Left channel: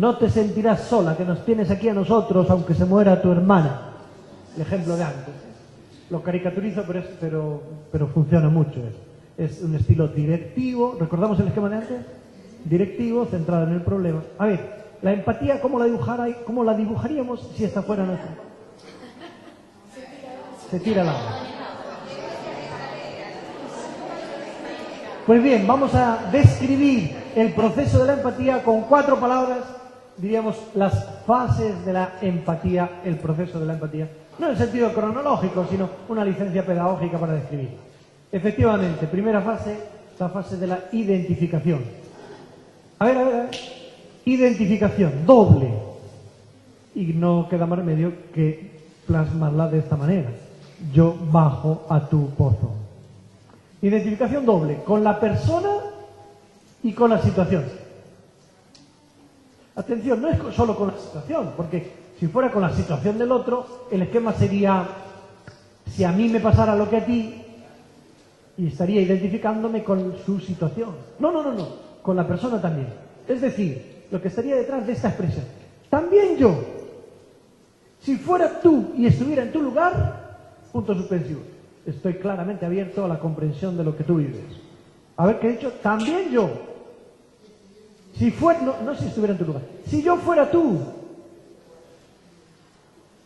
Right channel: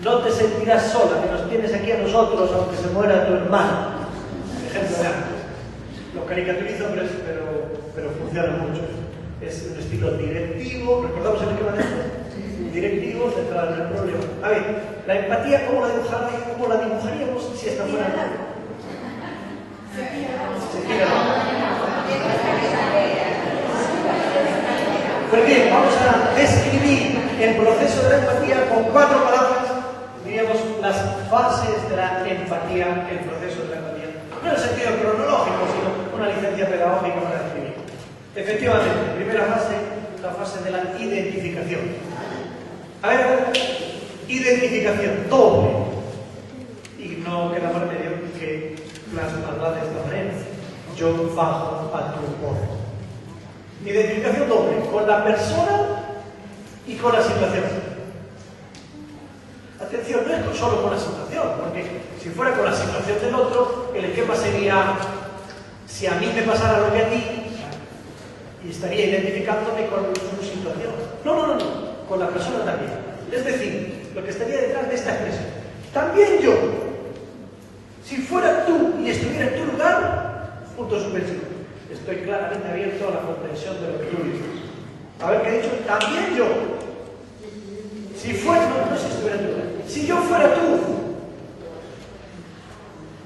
No te sentirás sola, que nos tienes aquí a nosotros, aunque se muera tu hermano. Ejemplo de antes. Lo caricaturizo, pero funciona mucho. Es un estilo directivo. ¿Recordamos el esquema de antes? Directivo, centrado en el problema. A ver, la empatía, ¿cómo la dibujaríamos si esta fuera la... Se tira la... Pues bien, vamos a describir el proceso de la empatía con 4 palabras, diríamos, las fases de la empatía, el proceso de la empatía. No en el sentido cronológico, sino una licencia pedagógica para describir. Efectivamente, primera fase, la fase de la identificación. A ver, identificación, doble. Y no queda más remedio que plasmarla de esta manera. Yo bajo a tu pozo. Identificación doble, con la persona y con la situación. Atención, no es solo con la situación, porque si fuera con la situación del otro, el esquema sería, si a mí me pasara lo que a ti, y estaría identificándome con su situación. No, con la persona también. Es decir, lo que estaría detrás de esta expresión. También yo, si fuera tú y estuviera en tu lugar, punto suspensivo. Estoy claramente abierto a la comprensión de lo que tú dices. A ver qué he dicho. También yo. Si fuera... No si estuviera en tu lugar. Si yo fuera tú.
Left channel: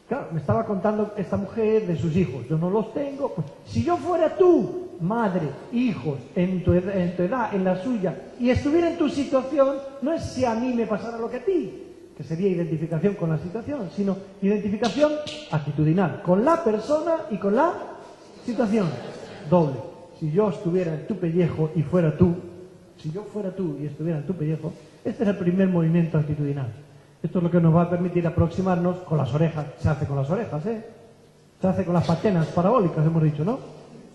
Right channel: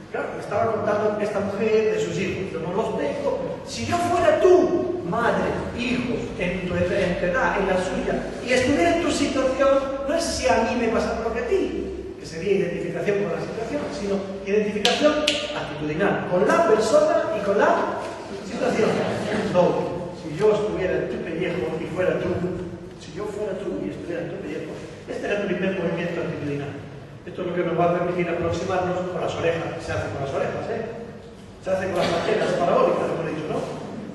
Claro, me estaba contando esta mujer de sus hijos. Yo no los tengo. Si yo fuera tú, madre, hijos, en tu edad, en la suya, y estuviera en tu situación, no es si a mí me pasara lo que a ti, que sería identificación con la situación, sino identificación actitudinal con la persona y con la situación. Doble. Si yo estuviera en tu pellejo y fuera tú, si yo fuera tú y estuviera en tu pellejo, este es el primer movimiento actitudinal. Esto es lo que nos va a permitir aproximarnos con las orejas. Se hace con las orejas, ¿eh? Se hace con las antenas parabólicas, hemos dicho, ¿no?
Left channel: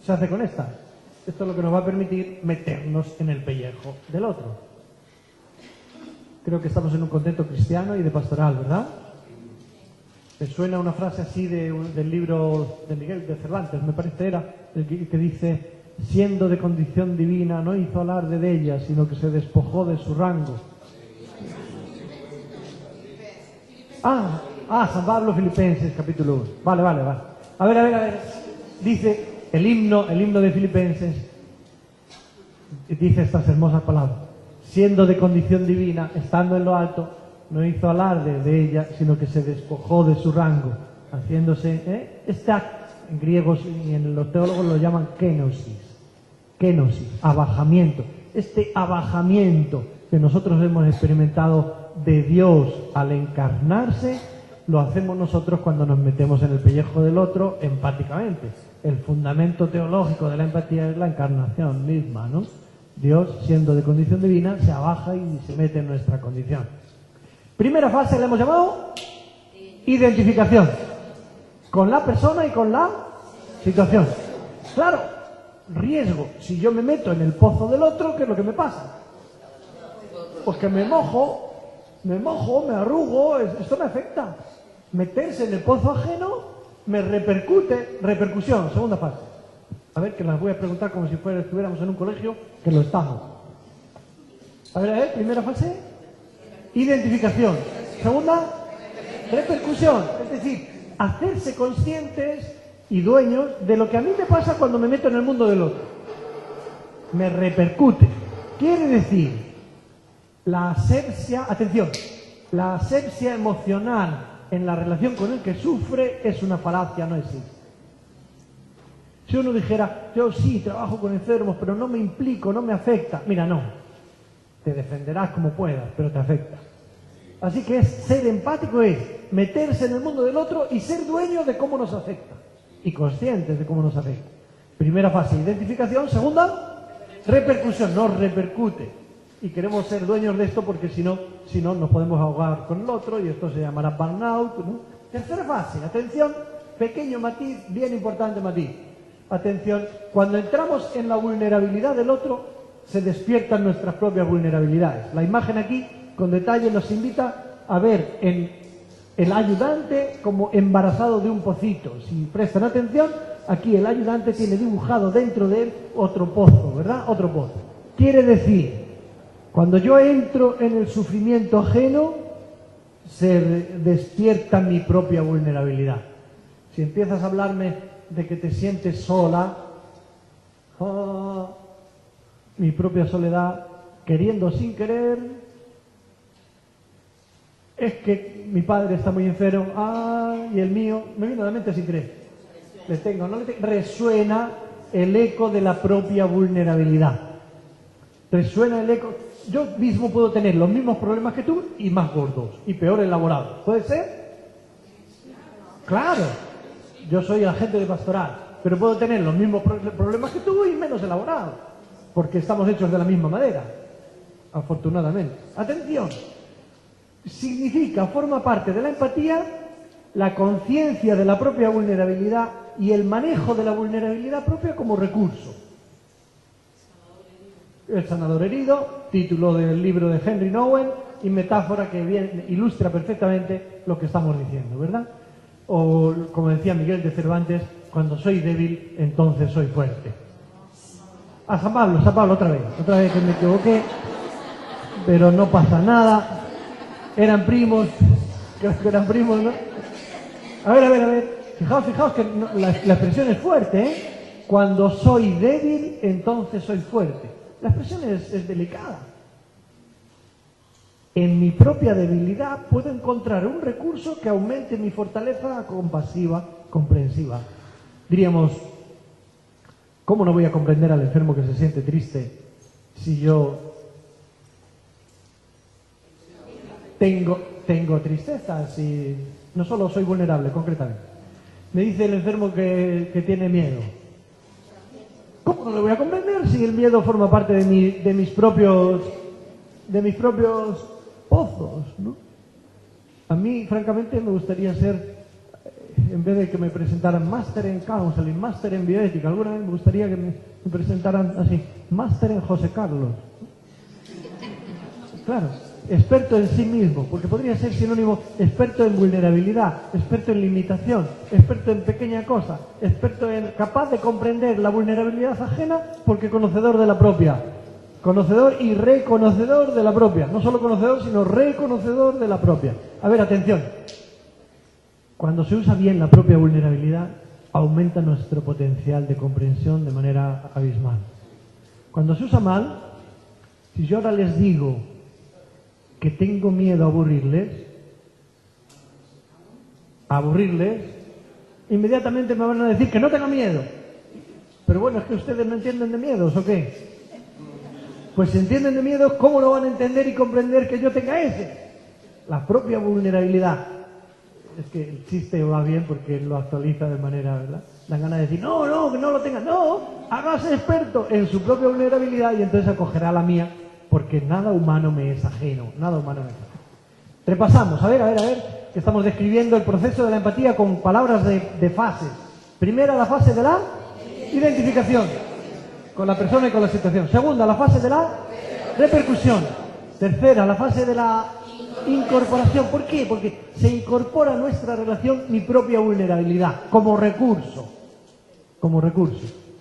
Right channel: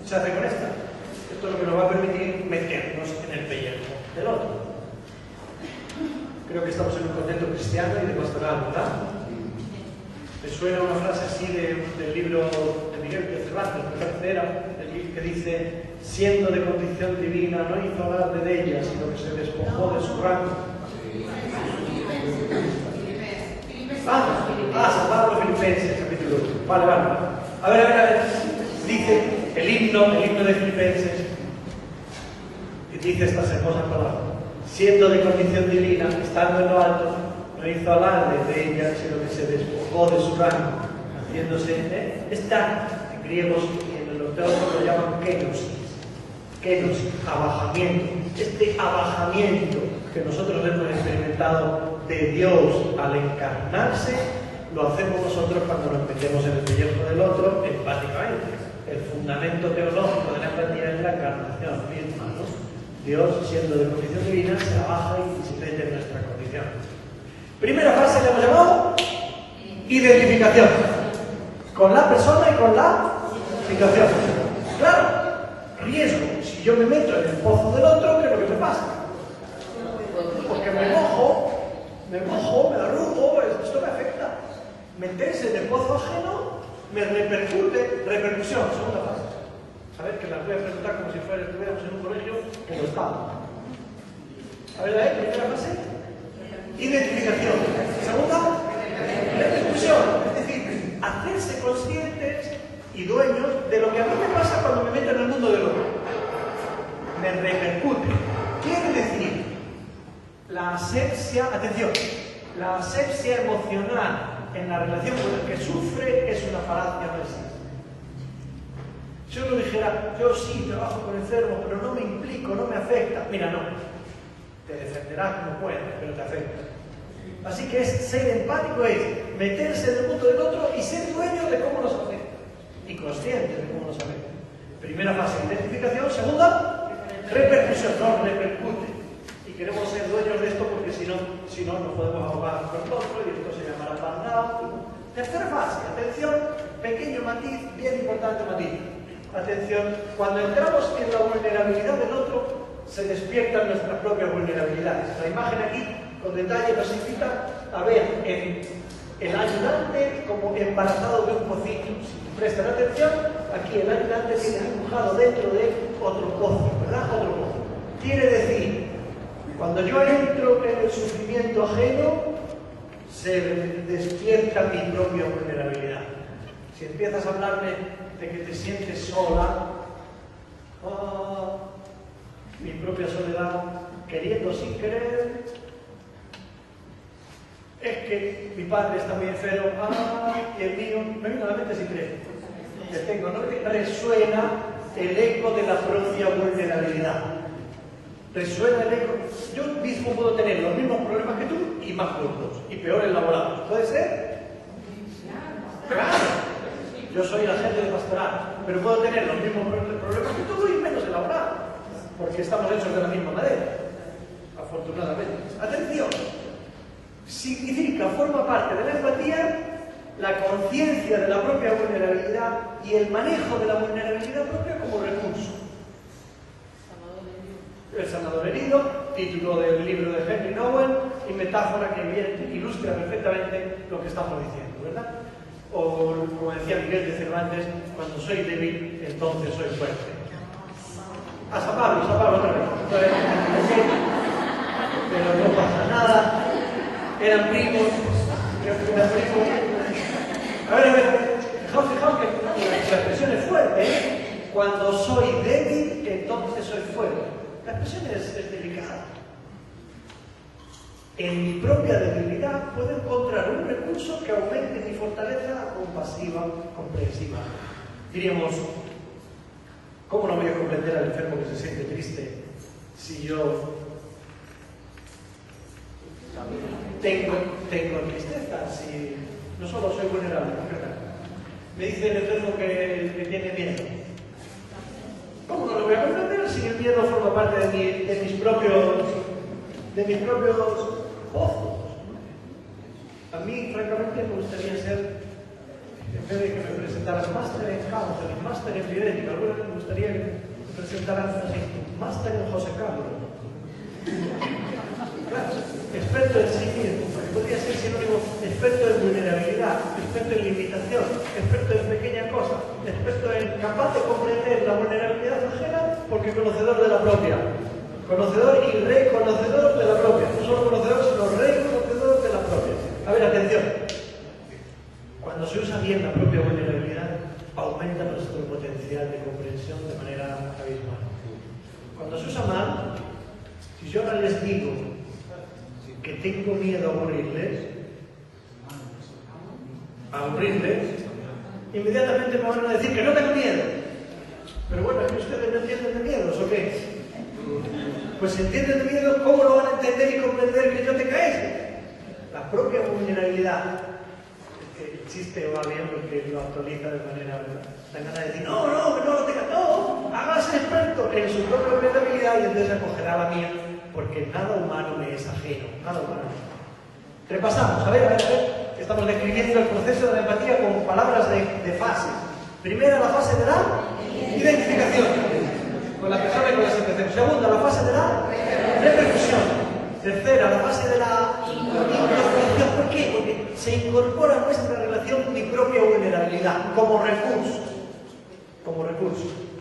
Se hace con esta. Esto es lo que nos va a permitir meternos en el pellejo del otro. Creo que estamos en un contexto cristiano y de pastoral, ¿verdad? ¿Te suena una frase así del libro de Miguel de Cervantes? Me parece era el que dice: siendo de condición divina, no hizo alarde de ella, sino que se despojó de su rango. San Pablo Filipenses, capítulo 1. Vale. A ver. Dice el himno de Filipenses, y dice estas hermosas palabras: siendo de condición divina, estando en lo alto, no hizo alarde de ella, sino que se despojó de su rango, haciéndose, está en griegos y en los teólogos lo llaman kenosis, abajamiento. Este abajamiento que nosotros hemos experimentado de Dios al encarnarse, lo hacemos nosotros cuando nos metemos en el pellejo del otro empáticamente. El fundamento teológico de la empatía es la encarnación misma, ¿no? Dios, siendo de condición divina, se abaja y se mete en nuestra condición. Primera fase le hemos llamado identificación. Con la persona y con la situación. Claro, riesgo. Si yo me meto en el pozo del otro, ¿qué es lo que me pasa? Porque me mojo, me arrugo, esto me afecta. Meterse en el pozo ajeno me repercute. Repercusión, segunda fase. A ver, que las voy a preguntar como si estuviéramos en un colegio, que lo estamos. A ver, primera fase, identificación. Segunda, repercusión. Es decir, hacerse conscientes y dueños de lo que a mí me pasa cuando me meto en el mundo del otro. Me repercute. Quiere decir, la asepsia, atención, la asepsia emocional en la relación con el que sufre es una falacia, no existe. Si uno dijera, yo sí trabajo con enfermos, pero no me implico, no me afecta. Mira, no. Te defenderás como puedas, pero te afecta. Así que ser empático es meterse en el mundo del otro y ser dueño de cómo nos afecta. Y conscientes de cómo nos afecta. Primera fase, identificación. Segunda, repercusión. Nos repercute. Y queremos ser dueños de esto porque si no nos podemos ahogar con el otro y esto se llamará burnout, ¿no? Tercera fase, atención, pequeño matiz, bien importante matiz. Atención, cuando entramos en la vulnerabilidad del otro, se despiertan nuestras propias vulnerabilidades. La imagen aquí, con detalle, nos invita a ver el ayudante como embarazado de un pocito. Si prestan atención, aquí el ayudante tiene dibujado dentro de otro pozo, ¿verdad? Otro pozo. Quiere decir, cuando yo entro en el sufrimiento ajeno, se despierta mi propia vulnerabilidad. Si empiezas a hablarme de que te sientes sola, mi propia soledad, queriendo sin querer, es que mi padre está muy enfermo, y el mío, me viene a la mente sin creer. Resuena el eco de la propia vulnerabilidad. Resuena el eco. Yo mismo puedo tener los mismos problemas que tú y más gordos y peor elaborados. ¿Puede ser? Claro. Yo soy agente de pastoral, pero puedo tener los mismos problemas que tú y menos elaborados, porque estamos hechos de la misma madera, afortunadamente. Atención. Significa, forma parte de la empatía, la conciencia de la propia vulnerabilidad y el manejo de la vulnerabilidad propia como recurso. El sanador herido, título del libro de Henry Nowen y metáfora que ilustra perfectamente lo que estamos diciendo, ¿verdad? O, como decía Miguel de Cervantes, cuando soy débil, entonces soy fuerte. A San Pablo, otra vez que me equivoqué, pero no pasa nada. Eran primos, ¿no? A ver. Fijaos que la expresión es fuerte, ¿eh? Cuando soy débil, entonces soy fuerte. La expresión es delicada. En mi propia debilidad puedo encontrar un recurso que aumente mi fortaleza compasiva, comprensiva. Diríamos, ¿cómo no voy a comprender al enfermo que se siente triste si yo tengo tristeza, si no solo soy vulnerable, concretamente? Me dice el enfermo que tiene miedo. ¿Cómo no lo voy a comprender si el miedo forma parte de mis propios pozos, ¿no? A mí, francamente, me gustaría ser, en vez de que me presentaran máster en counseling, máster en bioética, alguna vez me gustaría que me presentaran así, máster en José Carlos. Claro, experto en sí mismo, porque podría ser sinónimo experto en vulnerabilidad, experto en limitación, experto en pequeña cosa, experto en capaz de comprender la vulnerabilidad ajena porque conocedor de la propia. Conocedor y reconocedor de la propia. No solo conocedor, sino reconocedor de la propia. A ver, atención. Cuando se usa bien la propia vulnerabilidad, aumenta nuestro potencial de comprensión de manera abismal. Cuando se usa mal, si yo ahora les digo que tengo miedo a aburrirles, inmediatamente me van a decir que no tengo miedo. Pero bueno, es que ustedes no entienden de miedos, ¿o qué? Pues si entienden de miedo, ¿cómo lo van a entender y comprender que yo tenga ese? La propia vulnerabilidad. Es que el chiste va bien porque lo actualiza de manera, ¿no? Da ganas de decir, no lo tengas, no, hágase experto en su propia vulnerabilidad y entonces acogerá la mía, porque nada humano me es ajeno, nada humano me es ajeno. Repasamos, a ver, que estamos describiendo el proceso de la empatía con palabras de fases. Primera, la fase de la identificación con la persona y con la situación. Segunda, la fase de la repercusión. Tercera, la fase de la incorporación. ¿Por qué? Porque se incorpora a nuestra relación mi propia vulnerabilidad como recurso,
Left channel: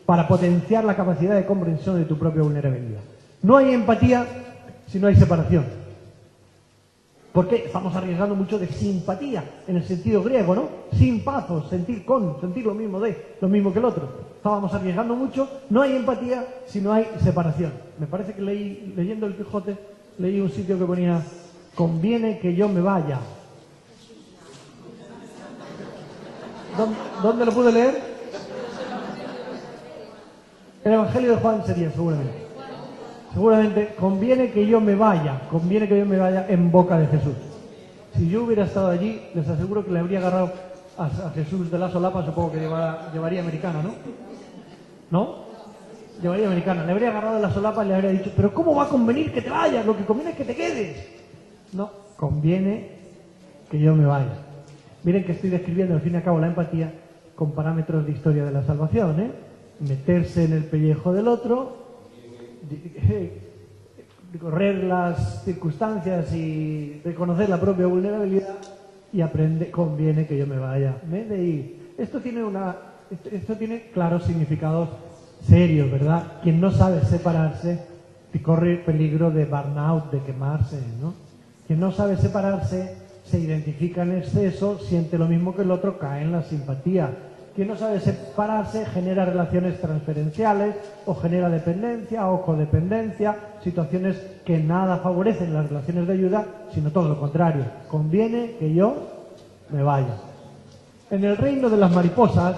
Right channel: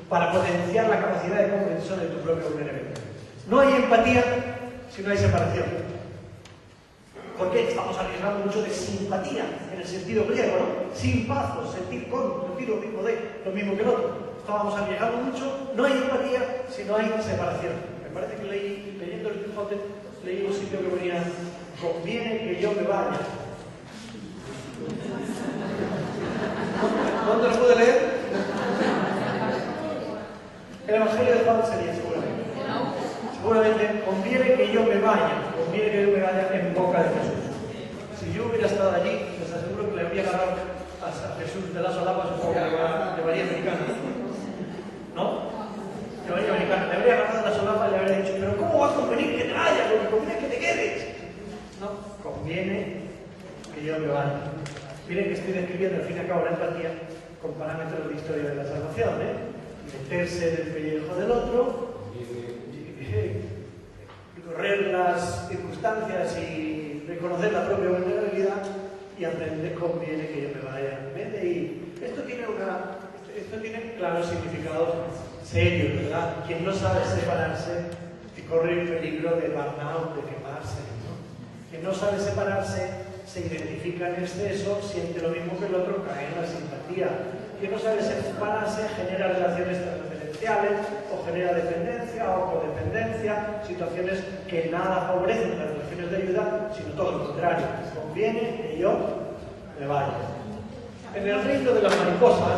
para potenciar la capacidad de comprensión de tu propia vulnerabilidad. No hay empatía si no hay separación. Porque estamos arriesgando mucho de simpatía, en el sentido griego, ¿no? Simpazos, sentir lo mismo que el otro. Estábamos arriesgando mucho. No hay empatía si no hay separación. Me parece que leyendo el Quijote, leí un sitio que ponía, conviene que yo me vaya. ¿Dónde lo pude leer? El Evangelio de Juan sería, seguramente, conviene que yo me vaya en boca de Jesús. Si yo hubiera estado allí, les aseguro que le habría agarrado a Jesús de la solapa, supongo que llevaría americano, ¿no? Llevaría americano, le habría agarrado de la solapa y le habría dicho, pero ¿cómo va a convenir que te vayas? Lo que conviene es que te quedes. No, conviene que yo me vaya. Miren que estoy describiendo, al fin y al cabo, la empatía con parámetros de historia de la salvación, ¿eh? Meterse en el pellejo del otro, correr las circunstancias y reconocer la propia vulnerabilidad y aprender, conviene que yo me vaya. Y esto tiene claros significados serios, ¿verdad? Quien no sabe separarse corre el peligro de burnout, de quemarse, ¿no? Quien no sabe separarse se identifica en exceso, siente lo mismo que el otro, cae en la simpatía. Quien no sabe separarse genera relaciones transferenciales, o genera dependencia o codependencia, situaciones que nada favorecen las relaciones de ayuda, sino todo lo contrario. Conviene que yo me vaya. En el reino de las mariposas,